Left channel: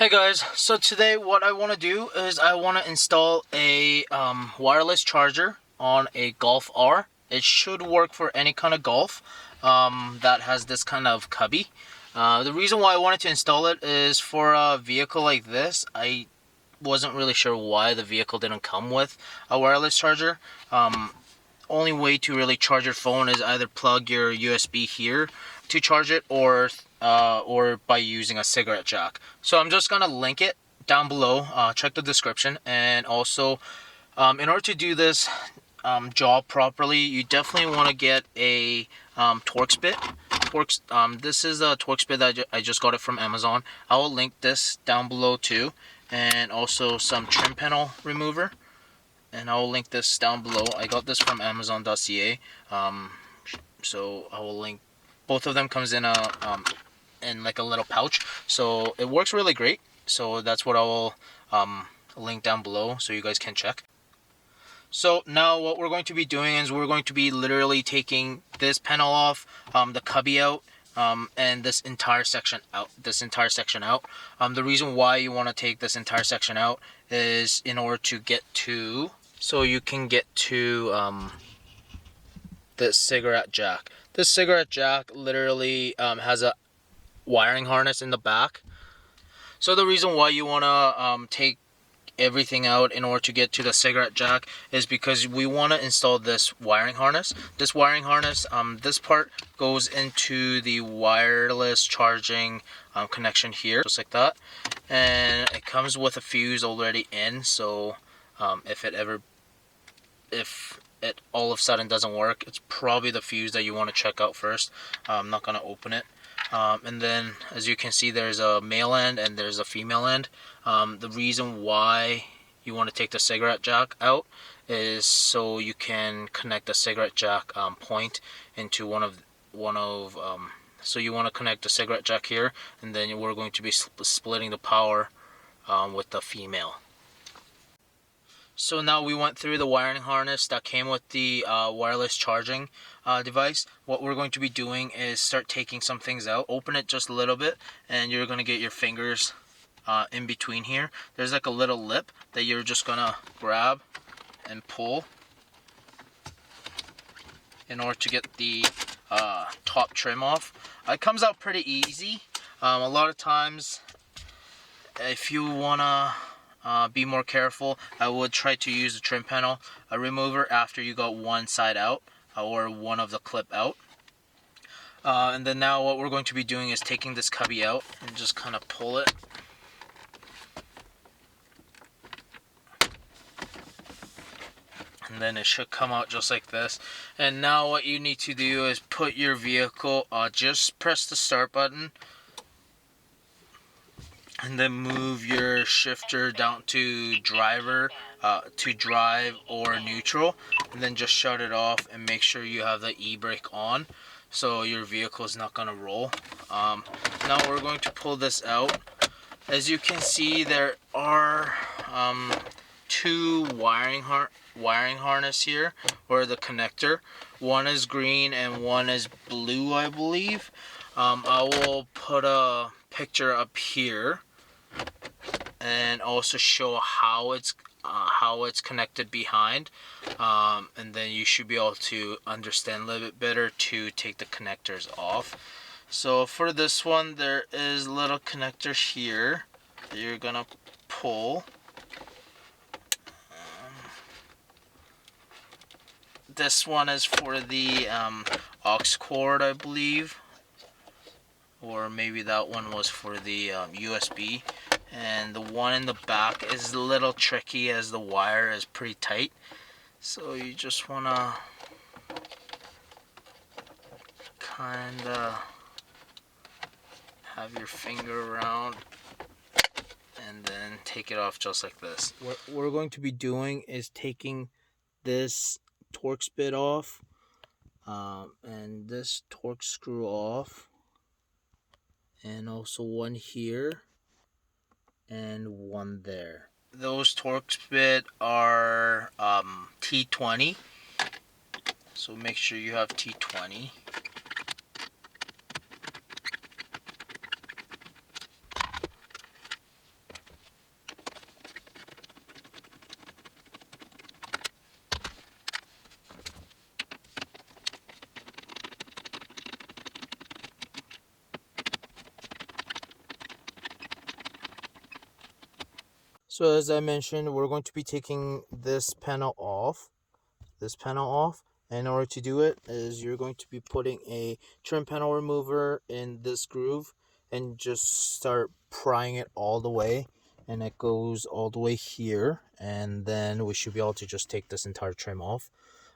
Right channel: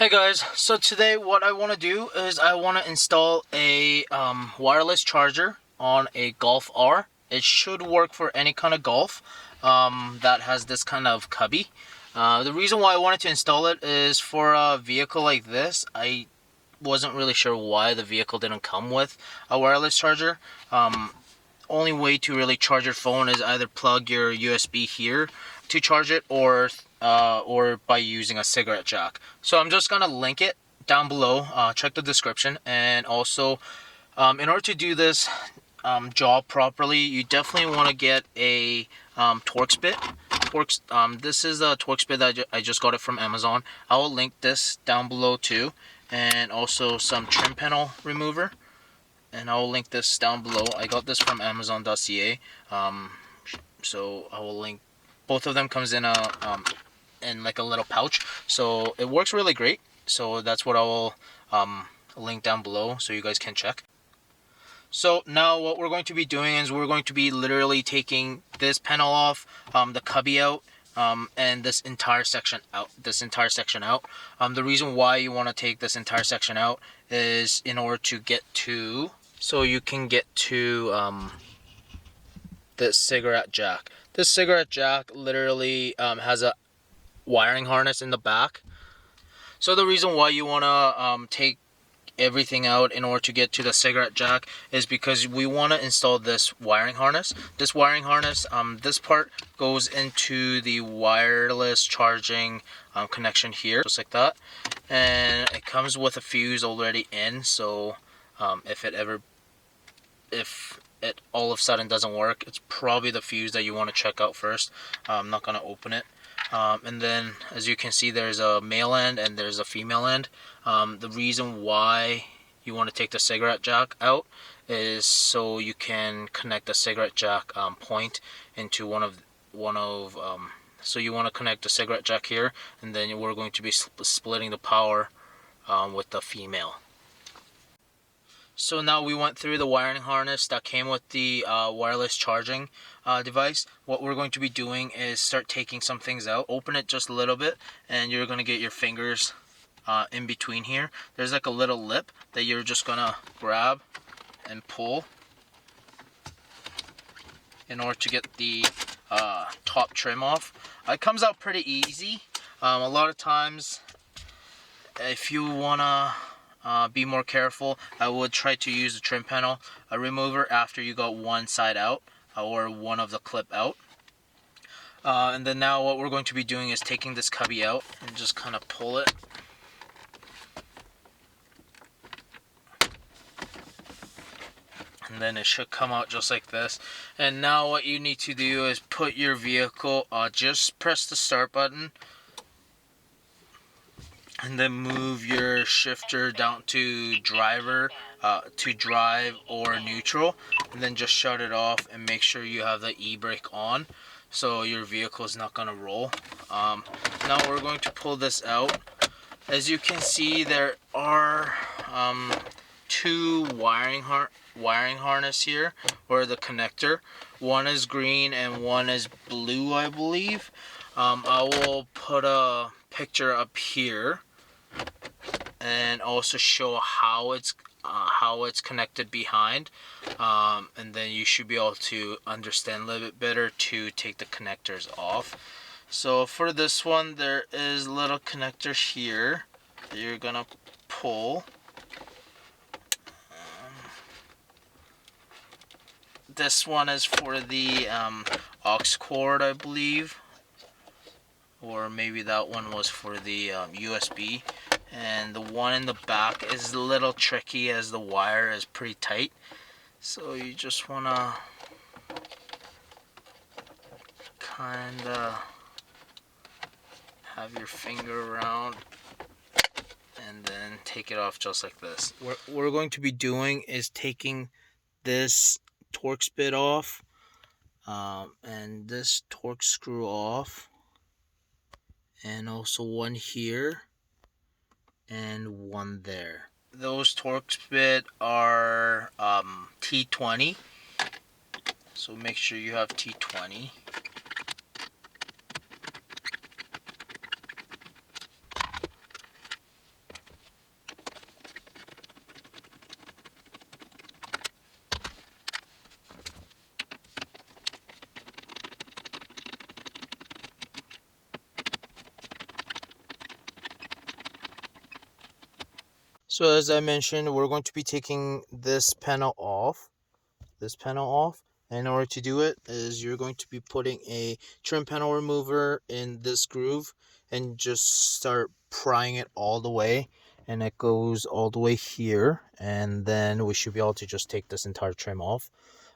Hey guys, so today what I want to do is I want to install a wireless charger on a Golf R. It should work for any kind of Golf that has this kind of cubby. The reason why I wanted to install it is for a vehicle like this. I wasn't really sure why the vehicle didn't come with a wireless charger. Only way to really charge your phone is either plug your USB here to charge it, or by using a cigarette jack. So I'm just gonna link it down below. Check the description, and also in order to do this job properly, you definitely want to get a Torx bit. This is a Torx bit that I just got it from Amazon. I will link this down below too, and also some trim panel remover. And I will link this down below. I got this from Amazon.ca. So I will link. Both of them comes in in like a little pouch. So it works really great. So that's what I will link down below so you guys can check. So now what we're going to be doing is we're going to be literally taking this panel off, the cubby out, and this entire section out. The reason why you want to take this entire section out is in order to get to, so you can get to the cigarette jack. This cigarette jack literally has a wiring harness in the back. So the reason why you want to take everything out in order to get to the cigarette jack is because we want to install this wiring harness. This part goes into the wireless charging connection here, just like that, and it comes with a fuse already in. So if it all of a sudden doesn't work, it's probably the fuse that you want to check out first. I'm not going to open it. And then, as you can see, there's a male end and there's a female end. The reason why you want to take the cigarette jack out is so you can connect the cigarette jack point into connect the cigarette jack here, and then we're going to be splitting the power with the female. So now we went through the wiring harness that came with the wireless charging device. What we're going to be doing is start taking some things out. Open it just a little bit, and you're going to get your fingers in between here. There's like a little lip that you're just going to grab and pull in order to get the top trim off. It comes out pretty easy. A lot of times, if you want to be more careful, I would try to use a trim panel remover after you got one side out or one of the clip out. And then now what we're going to be doing is taking this cubby out and just kind of pull it. And then it should come out just like this. And now what you need to do is put your vehicle, just press the start button, and then move your shifter down to drive or neutral, and then just shut it off and make sure you have the e-brake on so your vehicle is not going to roll. Now we're going to pull this out. As you can see, there are two wiring harness here, or the connector. One is green and one is blue, I believe. I will put a picture up here and also show how it's connected behind, and then you should be able to understand a little bit better to take the connectors off. So for this one, there is a little connector here that you're gonna pull. This one is for the aux cord, I believe, or maybe that one was for the USB. And the one in the back is a little tricky as the wire is pretty tight. So you just want to kind of have your finger around and then take it off just like this. What we're going to be doing is taking this Torx bit off and this Torx screw off, and also one here and one there. Those Torx bit are T20, so make sure you have T20. So as I mentioned, we're going to be taking this panel off. In order to do it is you're going to be putting a trim panel remover in this groove and just start prying it all the way, and it goes all the way here, and then we should be able to just take this entire trim off.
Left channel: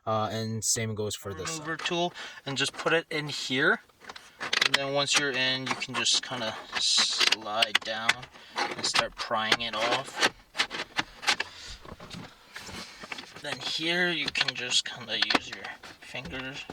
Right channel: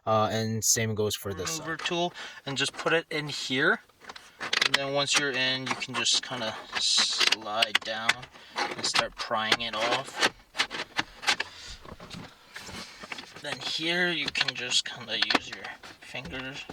And same goes for this remover tool, and just put it in here. And then once you're in, you can just kind of slide down and start prying it off. And here you can just kind of use your fingers.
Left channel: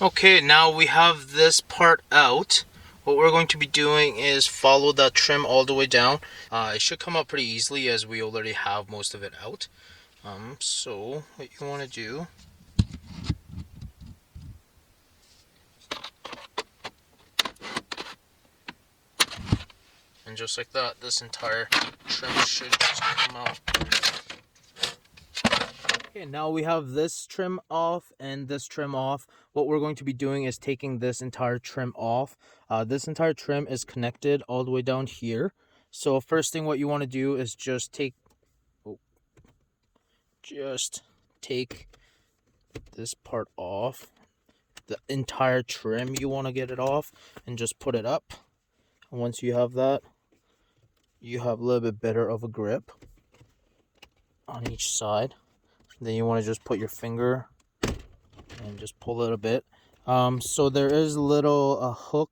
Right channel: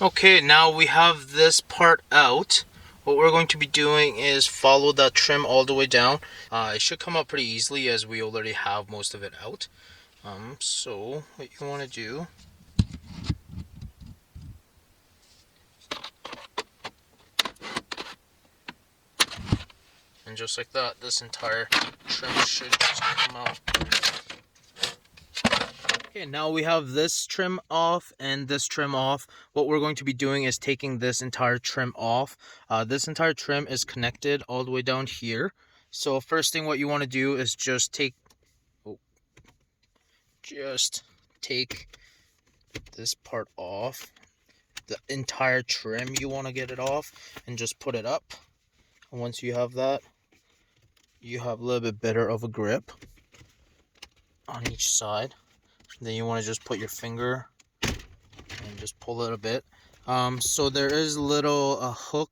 Okay, now we have this part out. What we're going to be doing is follow that trim all the way down. It should come out pretty easily as we already have most of it out. So what you want to do, and just like that, this entire trim sheet is come out. Okay, now we have this trim off and this trim off. What we're going to be doing is taking this entire trim off. This entire trim is connected all the way down here. So first thing what you want to do is just take this part off. The entire trim, you want to get it off and just put it up. And once you have that, you have a little bit better of a grip on each side. Then you want to just put your finger and just pull it a bit. So there is a little hook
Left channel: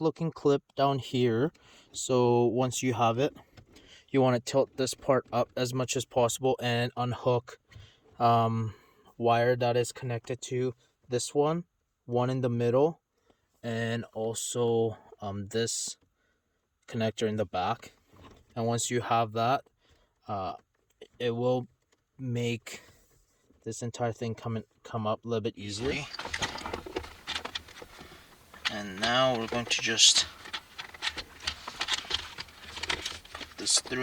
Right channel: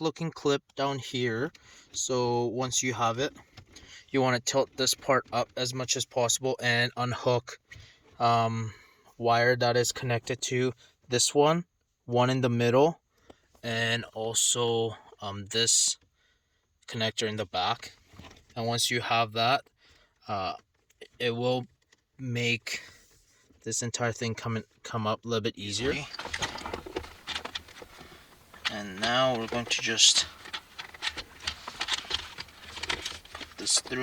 looking clip down here. So once you have it, you want to tilt this part up as much as possible and unhook wire that is connected to this one in the middle, and also this connector in the back. And once you have that, it will make this entire thing come up a little bit easier. And now we're going to just put this through.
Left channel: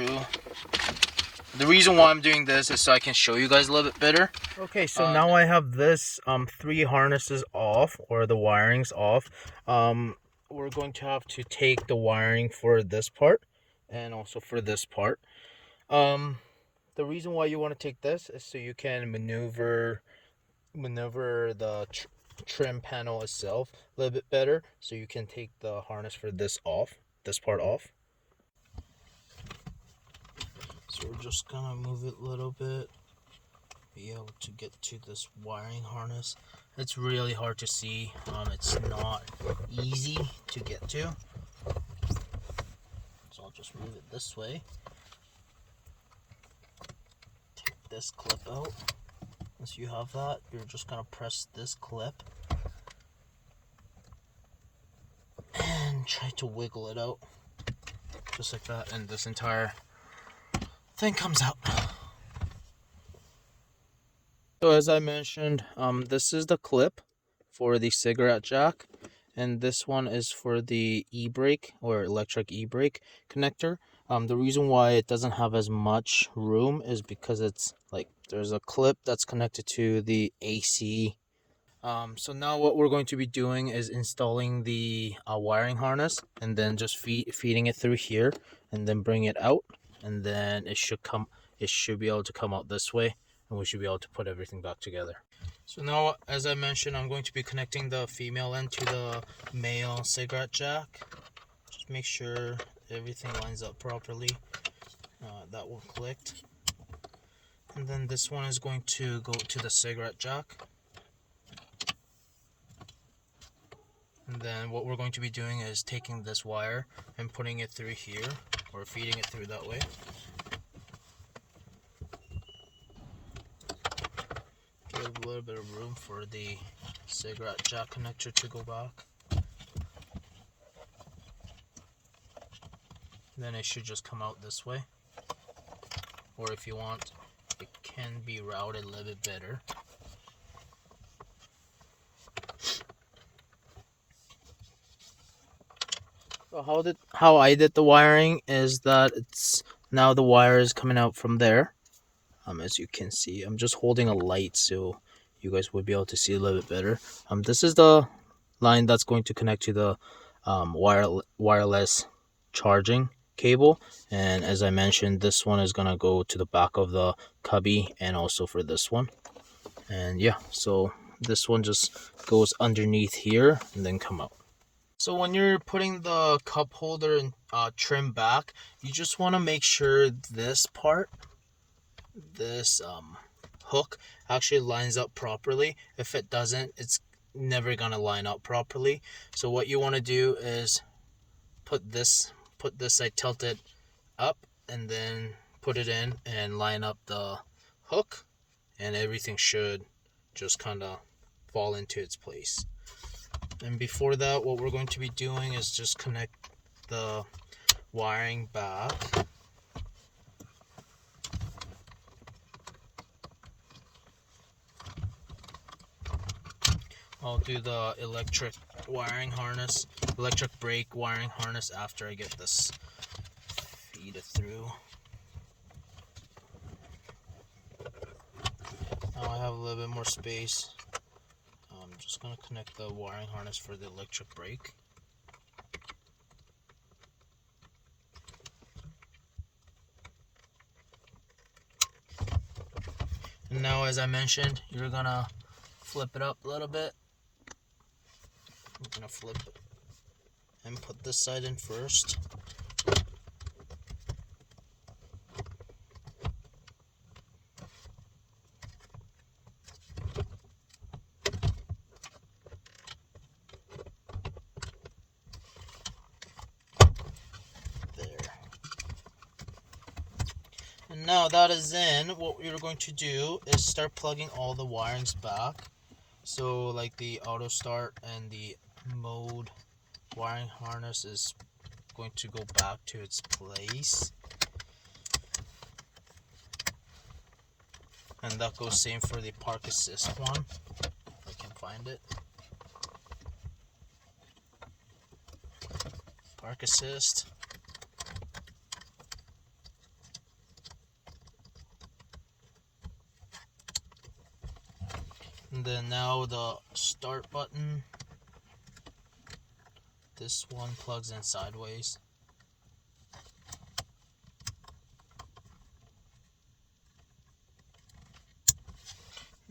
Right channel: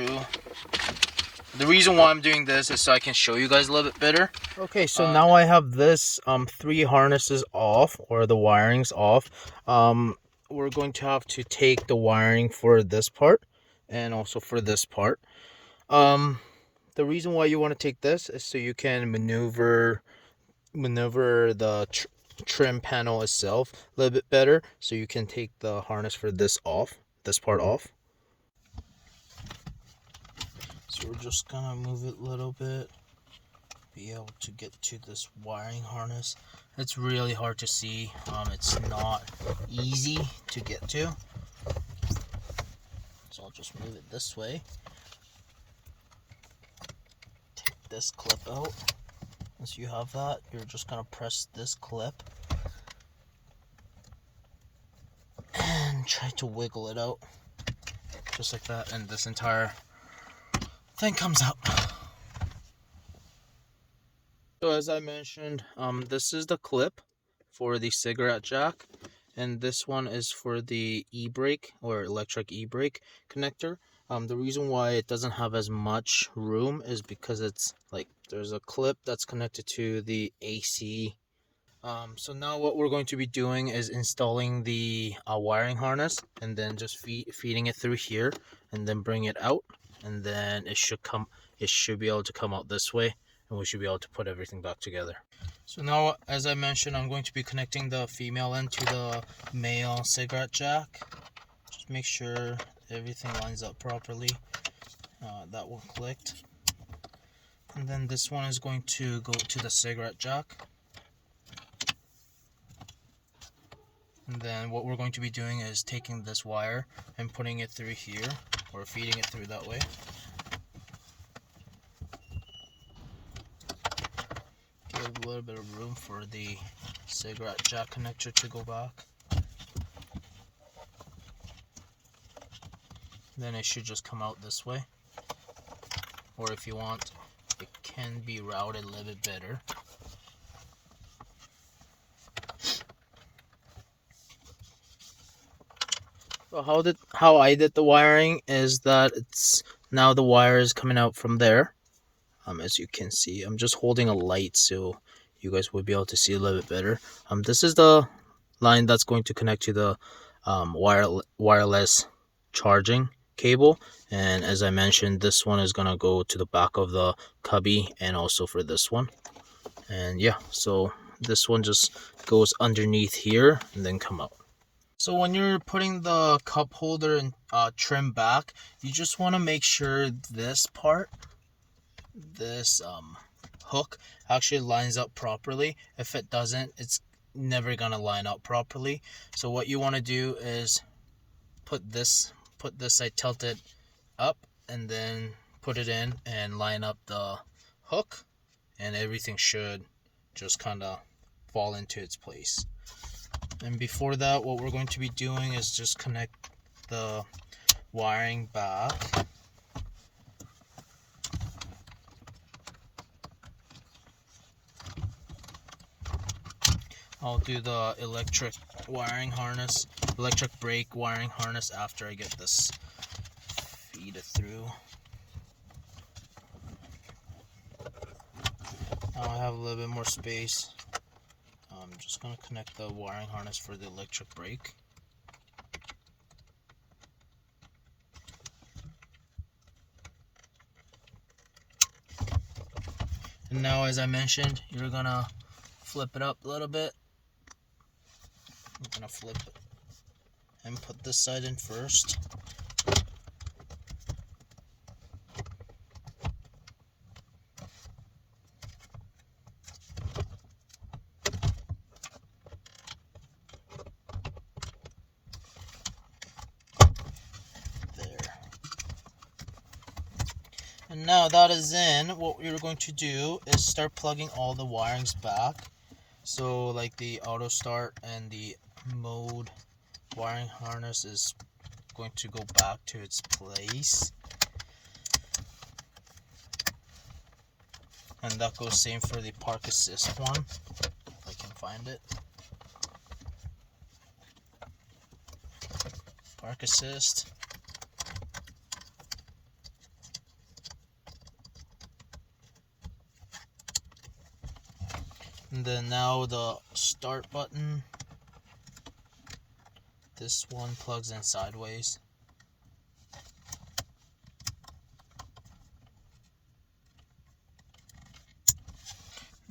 The reason why I'm doing this is so I can show you guys a little bit better. Okay, so now I have this 3 harnesses off, or the wirings off. We're going to have to take the wiring for this part and also for this part. The reason why you want to take this is so you can maneuver the trim panel itself a little bit better, so you can take the harness for this part off. So we're just gonna move it a little bit, be able to get to this wiring harness. It's really hard to see. It's not easy to get to. So I'll just move it this way. Take this clip out. Once you have that, you're just gonna press this clip and try to wiggle it out. Just like that, and this entire thing comes out. So as I mentioned, this is the clip for the cigarette jack, and this one is for the e-brake or electric e-brake connector. The reason why it doesn't have as much room is because it's like there's a clip that's connected to the AC. So now what we're going to be doing is installing the wiring harness, and then just feeding it through here, and then bring it out, and then it should be able to come out this way, and we should be able to put everything back together. So now, as I mentioned, I'm going to be connecting the female end to the male cigarette jack. Just make sure everything lines up properly. That one clicked. And then this one is going to go to the cigarette jack. And then what we're going to be doing is taking this wire and putting it through here, or feeding it through that way. Give a little bit of room for the cigarette jack connector to go back. Then it should just come out this way. Or if you want, it can be routed a little bit better. So how I did the wiring is that it's now the wire is coming out from there, As you can see, I'm just holding a light so you guys would be able to see a little bit better. This is the line that's going to connect to the wireless charging cable, and as I mentioned, this one is gonna go to the back of the cubby and also for this one. And yeah, so this one just goes underneath here and then come up. So when you're putting the cup holder and trim back, you just want to make sure this part, this hook, actually lines up properly. If it doesn't, it's never gonna line up properly. So what you want to do is put this side tilted up and then put it in and line up the hook, and everything should just kind of fall into its place. And before that, what we're going to be doing is just connect the wiring back. I'll do the electric brake wiring harness after I get this feed through. Now I have a little bit more space. I'm just going to connect the wiring harness for the electric brake. And now, as I mentioned, you're going to flip it up a little bit. I'm going to flip it and put this side in first. And now that is in, what we're going to do is start plugging all the wirings back. So like the auto start and the mode wiring harness is going to go back to its place. And that goes same for the park assist one, if I can find it. Park assist. And then now the start button. This one plugs in sideways.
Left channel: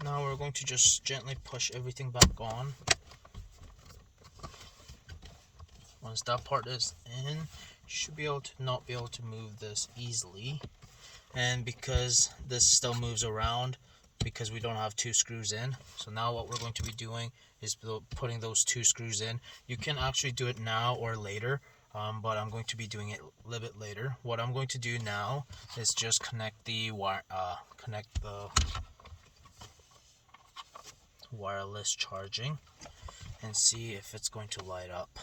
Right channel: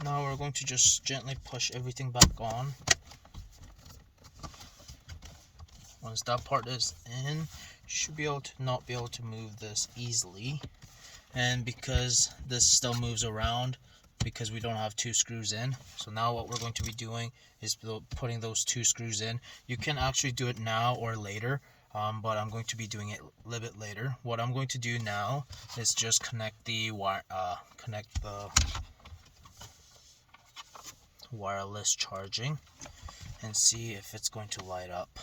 Now we're going to just gently push everything back on. Once that part is in, you should be able to not be able to move this easily. And because this still moves around, because we don't have two screws in, so now what we're going to be doing is putting those two screws in. You can actually do it now or later, but I'm going to be doing it a little bit later. What I'm going to do now is just connect the wireless charging and see if it's going to light up.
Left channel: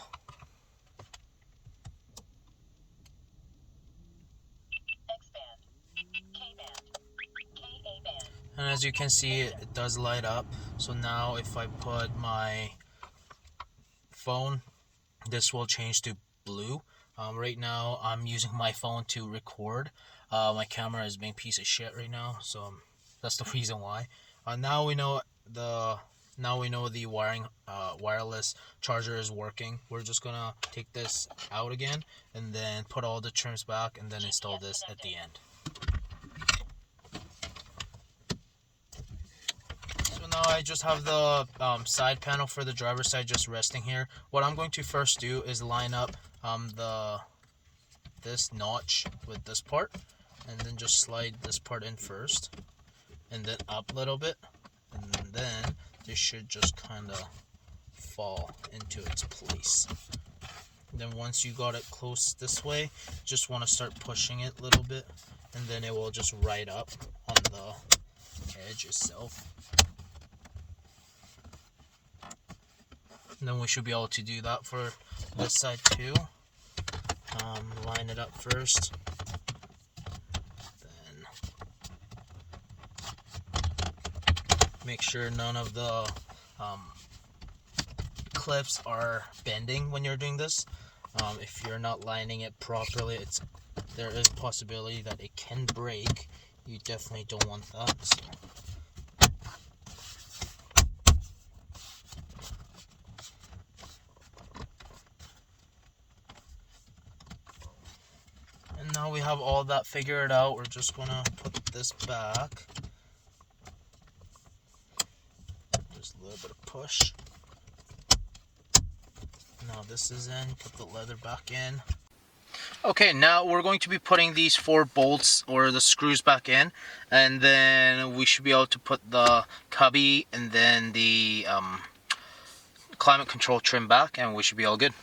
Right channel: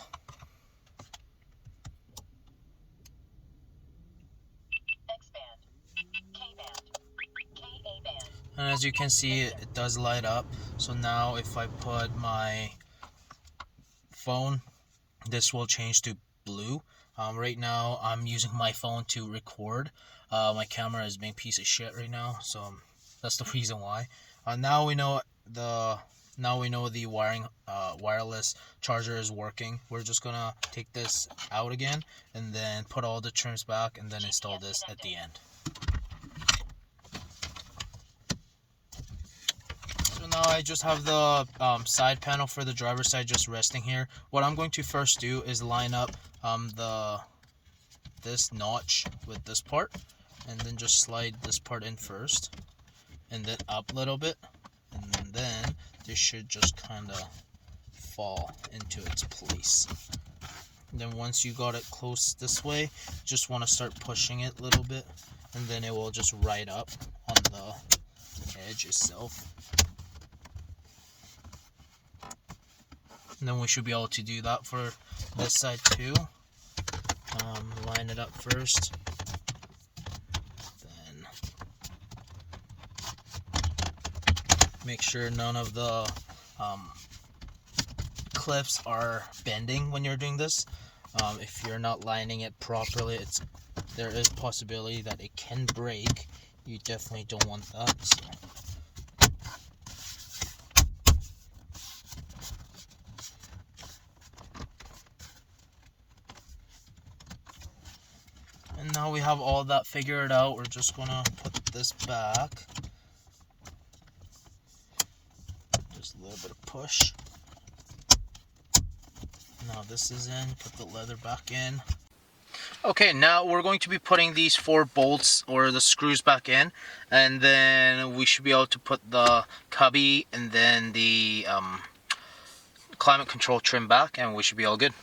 And as you can see, it does light up. So now if I put my phone, this will change to blue. Right now I'm using my phone to record. My camera is being a piece of shit right now, so that's the reason why. Now we know the wireless charger is working. We're just gonna take this out again and then put all the trims back and then install this at the end. Now I just have the side panel for the driver's side just resting here. What I'm going to first do is line up this notch with this part, and then just slide this part in first, and then up a little bit, and then this should just kind of fall into its place. And then once you got it close this way, just want to start pushing it a little bit, and then it will just ride up on the edge itself. And then we should be able to do that for this side too. Line it up first. Then make sure none of the clips are bending when you're doing this. If you're not lining it properly, there is possibility that it can break You definitely don't want that. So. And now we have all that figured out. We're just gonna put this back. Just a little bit of push. Now this is in, put the leather back in. Okay, now we're going to be putting these 4 bolts or the screws back in, and then we should be able to put the cubby and then the climate control trim back, and we should be all good.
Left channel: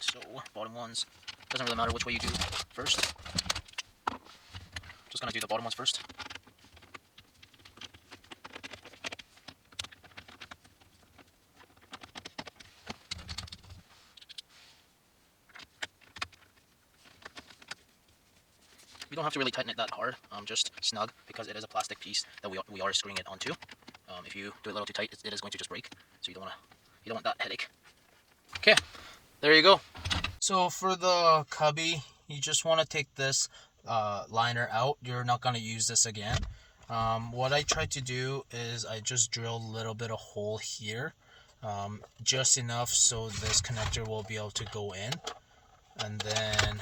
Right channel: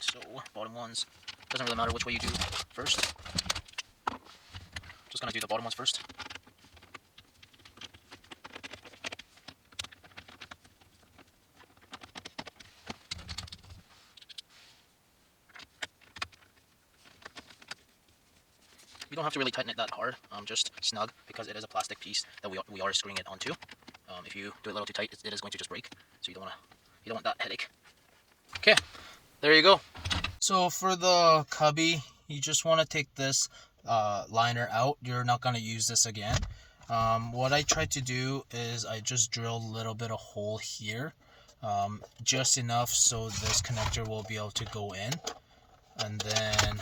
So, bottom ones, doesn't really matter which way you do first. Just gonna do the bottom ones first. We don't have to really tighten it that hard, just snug, because it is a plastic piece that we are screwing it onto. If you do it a little too tight, it is going to just break, so you don't want that headache. Okay, there you go. So for the cubby, you just want to take this liner out. You're not going to use this again. What I tried to do is I just drilled a little bit of hole here, just enough so this connector will be able to go in, and then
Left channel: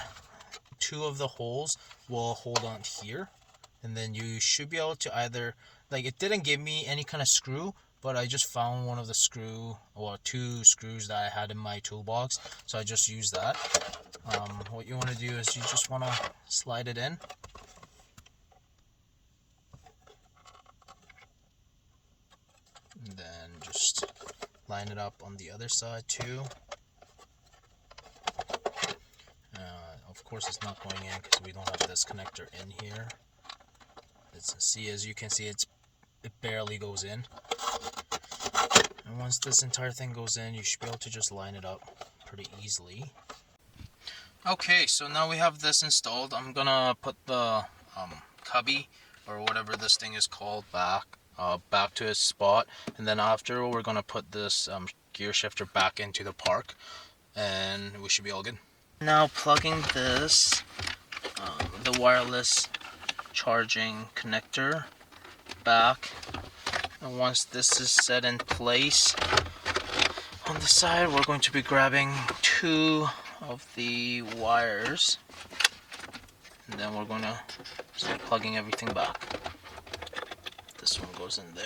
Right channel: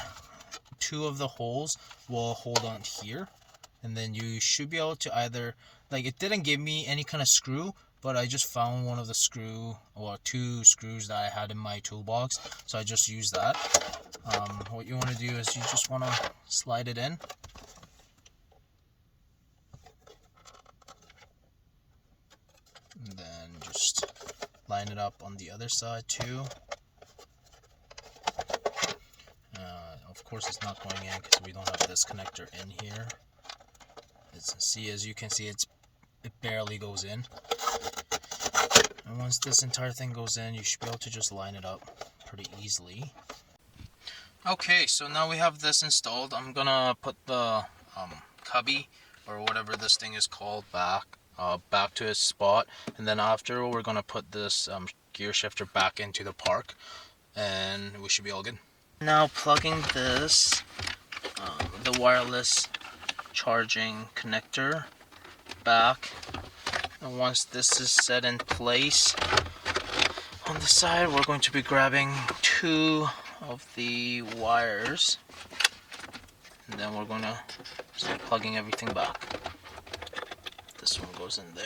2 of the holes will hold on here, and then you should be able to either, like, it didn't give me any kind of screw, but I just found one of the 2 screws that I had in my toolbox, so I just used that. What you want to do is you just want to slide it in, and then just line it up on the other side too. Of course it's not going in because we don't have this connector in here. As you can see, it barely goes in. And once this entire thing goes in, you should be able to just line it up pretty easily. Okay, so now we have this installed. I'm gonna put the cubby, or whatever this thing is called, back to its spot, and then after we're gonna put this gear shifter back into the park, and we should be all good. Now plugging this, the wireless charging connector back, and once this is set in place on the side, we're going to be grabbing 2 of the wires, and then we're going to start plugging everything back. This one goes in there.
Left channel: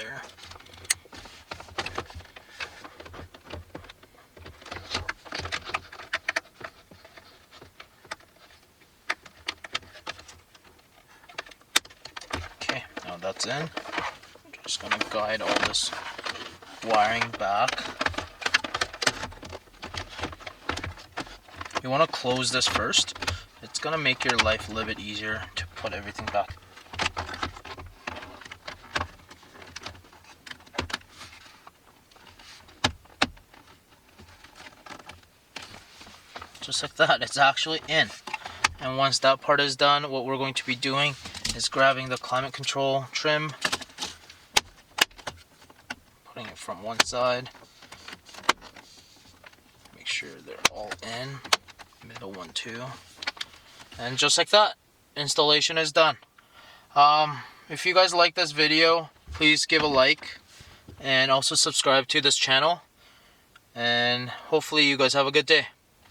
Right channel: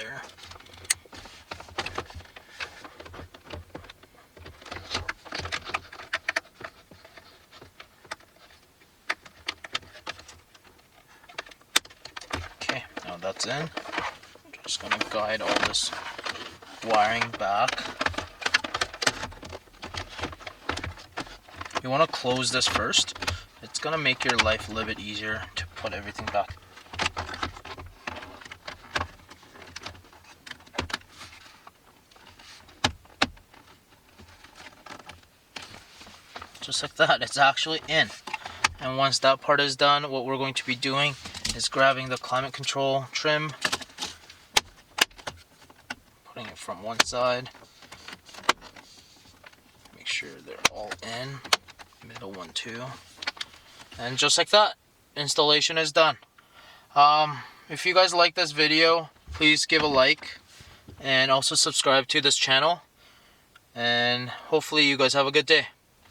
Now that's in. I'm just going to guide all this wiring back. You want to close this first. It's going to make your life a little bit easier to put everything back. Just like that, it's actually in. And once that part is done, what we're going to be doing is grabbing the climate control trim, putting it from one side, make sure they're all in, middle one too, and just like that, installation is done. If you guys like this video, please give a like, and also subscribe to this channel, and hopefully you guys have a good day.